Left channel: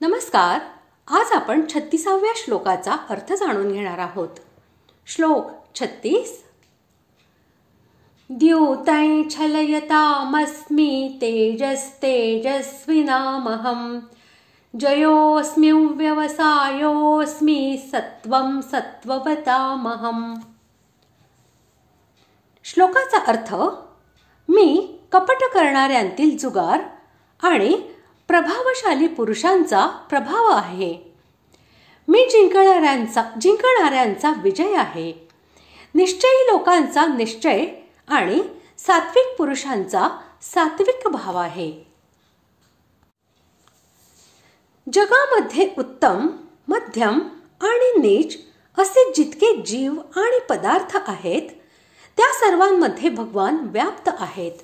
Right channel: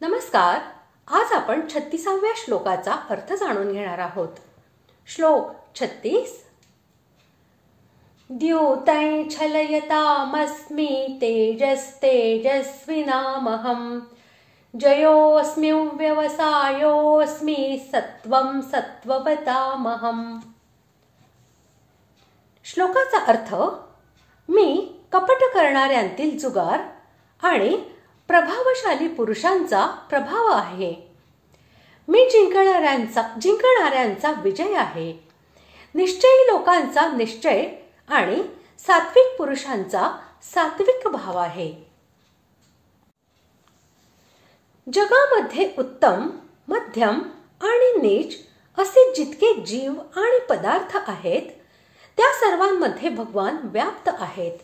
नमस्कार. आज आपण 36व्या श्लोकाचा अर्थ जाणून घेणार आहोत. श्लोक 36. द्यूतै छलयतामस्मि तेजस्तेजस्विनामहं जयोऽस्मि व्यवसायोऽस्मि सत्वं सत्ववतामहं. श्लोकाचा अर्थ: मी कपट करणाऱ्यांतील जुगार आणि प्रभावशाली पुरुषांचा प्रभाव आहे. मी जिंकणाऱ्यांचा विजय आहे. निश्चयी लोकांचा निश्चय आणि सात्विक पुरुषांचा सात्विक भाव आहे. जगामध्ये उत्तम, मध्यम आणि नीच असे जितके जीव आणि पदार्थ आहेत त्या सर्वांमध्ये भगवान व्याप्त आहेत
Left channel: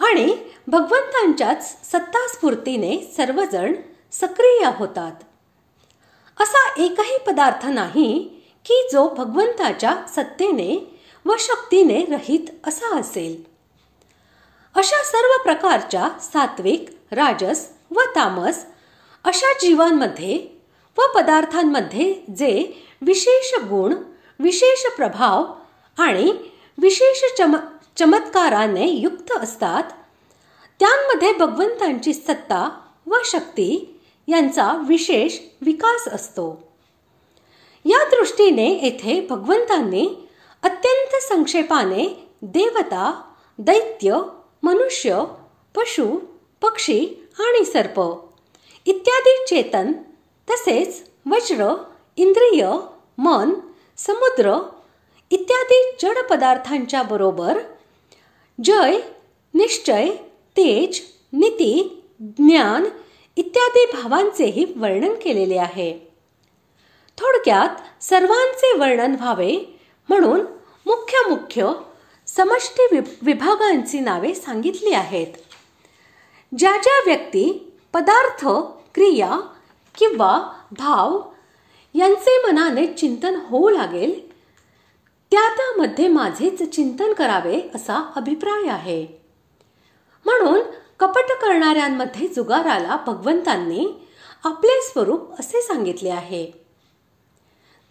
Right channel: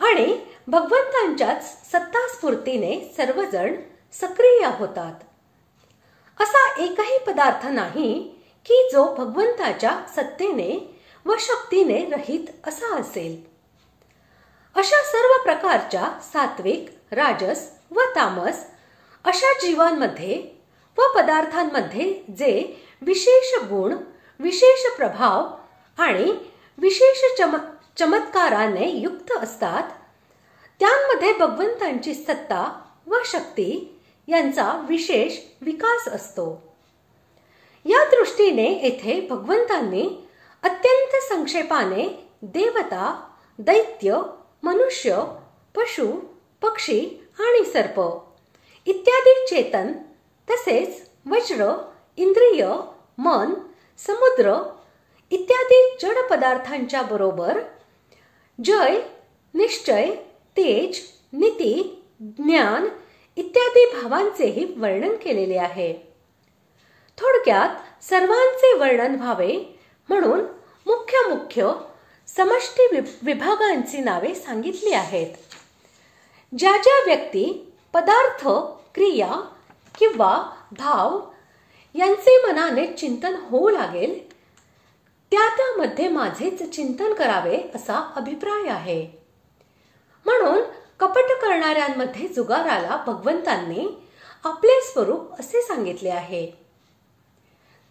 आणि भगवंतांच्याच सत्तास्फूर्तीने सर्वजण सक्रिय होतात. असा एकही पदार्थ नाही की जो भगवंताच्या सत्तेने व शक्तीने रहित असा असेल. अशा सर्व प्रकारच्या सात्विक, राजस व तामस अशा जीवांमध्ये व पदार्थांमध्ये जे विशेष गुण, विशेष प्रभाव आणि विशेष चमत्काराने युक्त असतात त्यांमध्ये भगवंतांची सत्ता व शक्ती यांचा विशेष विकास असतो. या दृष्टीने येथे भगवंतांनी अत्यंत संक्षेपाने देवता, दैत्य, मनुष्य, पशु, पक्षी आणि सर्प इत्यादी चेतन तसेच वज्र, इंद्रिय, मन, समुद्र इत्यादी जड पदार्थांच्या बरोबर जय, निश्चय, तेज, नीती, ज्ञान इत्यादी भावांचेही वर्णन केलेले आहे. थोडक्यात सर्वांचे वर्णन व्हावे म्हणून मुख्य समष्टी विभागांची नावे सांगितली आहेत. ज्या ज्या व्यक्ती, पदार्थ, क्रिया किंवा भाव यांचे मनाने चिंतन होऊ लागेल त्यामध्ये माझेच चिंतन करावे असा अभिप्राय आहे. म्हणून कपट करणाऱ्यांमध्ये जुगाराला भगवंतांनी आपले स्वरूप असे सांगितले आहे.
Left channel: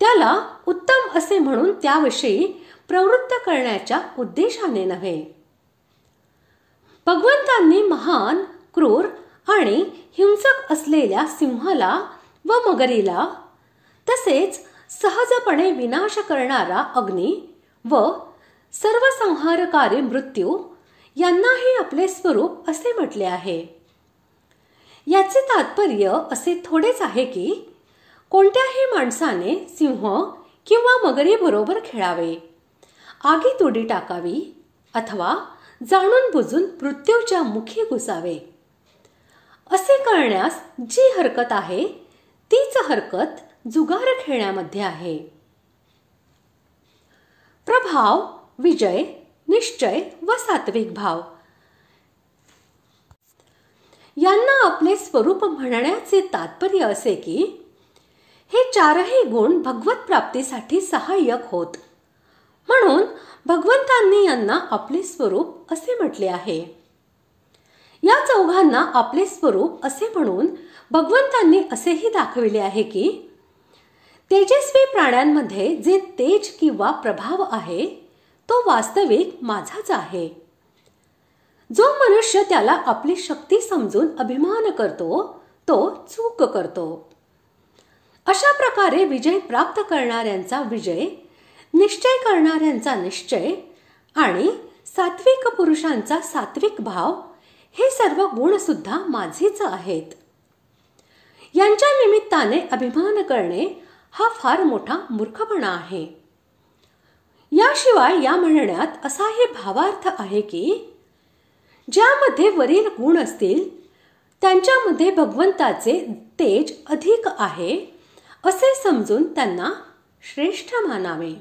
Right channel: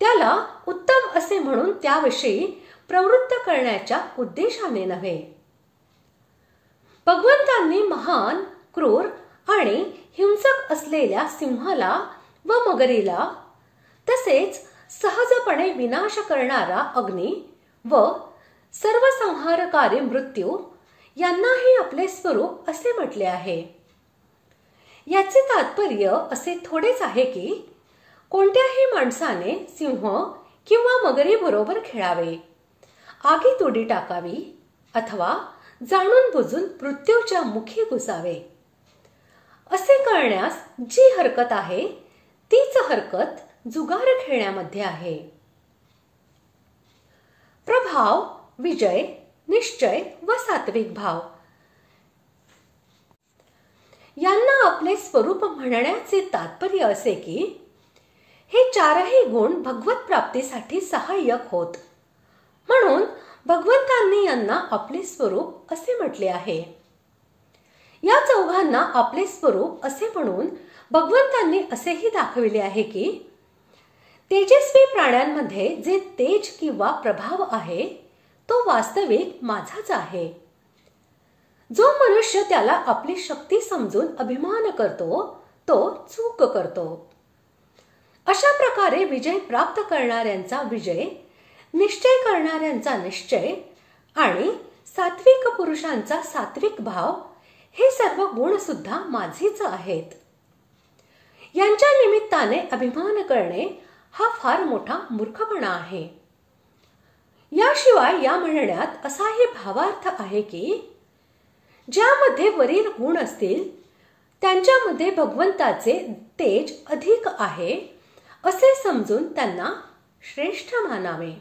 त्याला उत्तम असे म्हणून त्याविषयी प्रवृत्त करण्याच्या उद्देशाने नव्हे. भगवंतांनी महान, क्रूर आणि हिंसक असलेल्या सिंहाला व मगरीला तसेच सहजपणे विनाश करणारा अग्नी व सर्वसंहारकारी मृत्यू यांनाही आपले स्वरूप असे म्हटले आहे. याचे तात्पर्य असे थोडेच आहे की कोणत्याही माणसाने सिंह किंवा मगरी बरोबर खेळावे, आगीत उडी टाकावी अथवा जाणून बुजून मृत्यूच्या मुखी घुसावे. असे करण्यास जी हरकत आहे तीच हरकत जुगार खेळण्यामध्ये आहे. प्रभाव, विजय, निश्चय व सात्विक भाव यांना आपले स्वरूप म्हणण्याचे तात्पर्य असे की हे चारही गुण भगवत प्राप्तीसाठी सहाय्यक होत. म्हणून भगवंतांनी यांना आपले स्वरूप असे म्हटले आहे. या चौघांना आपले स्वरूप असे म्हणून भगवंतांनी असेही दाखविले आहे की तेजस्वी प्राण्यांमध्ये जे तेज किंवा प्रभाव आहे तो वास्तविक माझाच आहे. जो मनुष्य त्याला आपली शक्ती समजून अभिमान करतो तो चूक करतो. अशा प्रकारे विजय प्राप्त करणाऱ्यांचा विजय, निश्चय करणाऱ्यांचा निश्चय आणि सात्विक पुरुषांचा सात्विक भाव हे सर्व गुण सुद्धा माझेच आहेत. यांच्या निमित्ताने अभिमान करणे हा फार मोठा मूर्खपणा आहे. याशिवाय या म्हणण्यात असाही भावार्थ आहे की ज्यामध्ये वरील गुण असतील त्यांच्यामध्ये भगवंताचे तेज अधिक आहे असे समजून त्यांना श्रेष्ठ मानावे.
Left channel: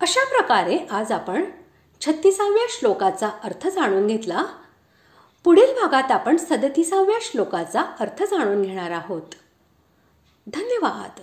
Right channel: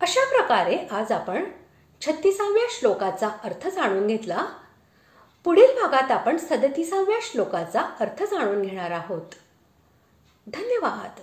अशा प्रकारे आज आपण 36व्या श्लोकाचा अर्थ जाणून घेतला. पुढील भागात आपण 37व्या श्लोकाचा अर्थ जाणून घेणार आहोत. धन्यवाद.